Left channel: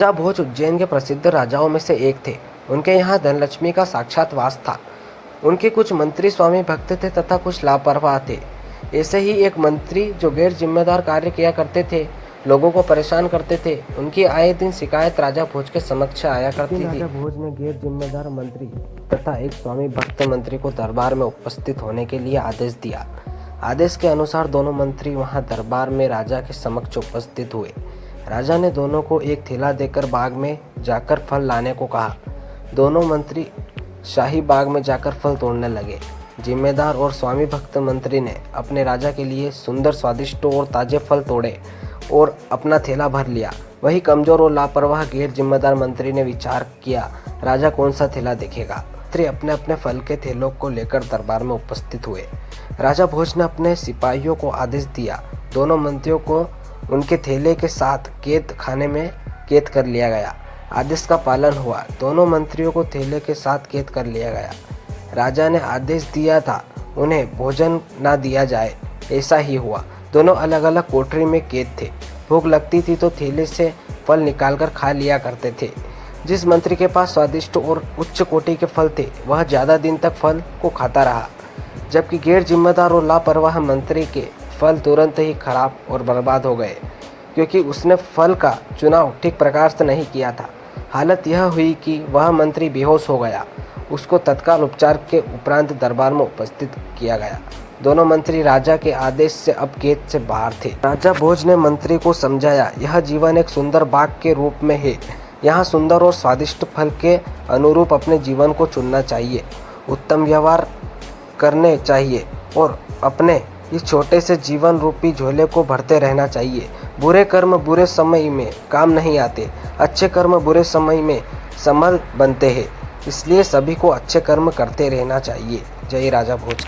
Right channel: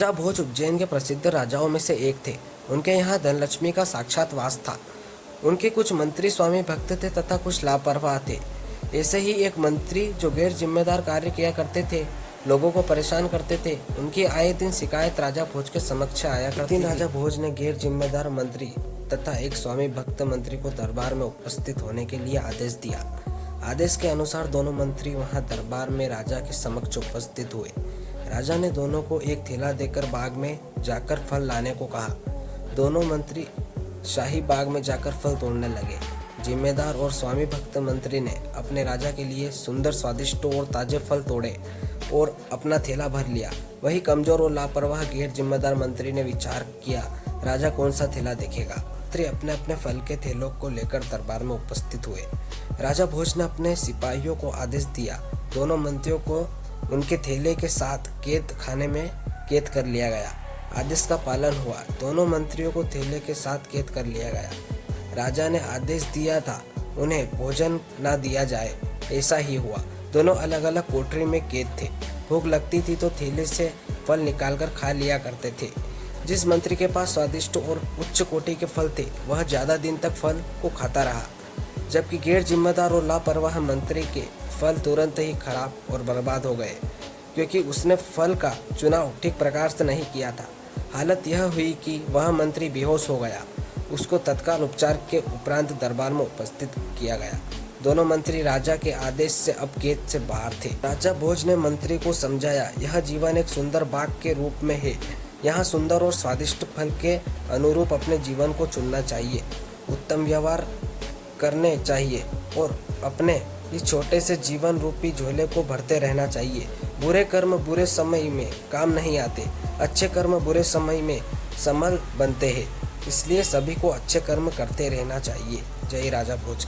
राजा भोज उज्जैन के प्रसिद्ध राजाओं में से एक थे। उनके यहाँ धनलक्ष्मी का साक्षात वास था। उनके कुछ मंत्री स्वामी भक्त थे तथा कुछ लापरवाह थे। ऐसे ही एक मंत्री जो गैर जिम्मेदार कार्य किया करते थे, लोगों को परेशान करते थे। उनकी आए दिन शिकायत राजा भोज के समक्ष आया करती थी। राजा भोज ने गैर जिम्मेदार मंत्री तथा एक स्वामी भक्त मंत्री को दरबार में उपस्थित होने के लिए आदेश दिया। आदेश के अनुसार दोनों मंत्री वहां दरबार में राजा के समक्ष उपस्थित हुए। राजा ने दोनों को एक थैला देकर बाग में जाकर फल लाने को कहा। दोनों मंत्री शाही बाग में जाकर फल तोड़ने लगे। जिम्मेदार और स्वामी भक्त मंत्री ने अपने राजा के लिए सुंदर, स्वादिष्ट और ताजे फल तोड़े और अपना थैला भर लिया। वही कमजोर और लापरवाह गैर जिम्मेदार मंत्री ने विचार किया, राजा कौन सा थैला देखेगा। मंत्री अपने अपने फल के थैलों को लेकर दरबार में उपस्थित हुए। राजा भोज ने अपने सिपाहियों को आदेश दिया। दोनों मंत्रियों को उनके थैले के साथ कैद खाने में कैद कर लिया गया। आदेश का पालन हुआ। दोनों मंत्रियों को थैले के साथ कैद कर लिया गया। राजा ने आदेश दिया था उन्हें भोजन ना दिया जाए, ऐसा ही हुआ। दोनों अलग अलग कोठरी में कैद थे। भूख लगती थी तो थैले से फल निकालकर खा लिया करते थे। जिस मंत्री के पास स्वादिष्ट और उच्च कोटि के फल थे, वह ज्यादा दिन तक फल को खाता रहा, जबकि गैर जिम्मेदार और लापरवाह मंत्री के फल तुरंत ही खराब और बर्बाद हो गए, क्योंकि उसने फल का चुनाव ठीक प्रकार से नहीं किया था। हालत यह हुई कि वह मंत्री बेहोश हो गया। उसको तत्काल उपचार के उपरांत दरबार में उपस्थित किया गया। दोनों मंत्री राजा के आदेश से अब कैद से बाहर थे। राजा भोज ने मंत्री को समझाया, यह जीवन एक सुंदर बाग के रूप में है। यहाँ सुंदर और स्वादिष्ट फल के अनुरूप अपने जीवन को चुनना चाहिए, उत्तम व्यवहार करने चाहिए और अपने इस छोटे से जीवन रूपी झोले को भरते रहना चाहिए। बुरे कर्म बुरे समय में काम नहीं आते, अच्छे कर्म बुरे समय में संबल बनते हैं। इसलिए सभी को अच्छे कर्म करते रहना चाहिए। जय राजा भोज।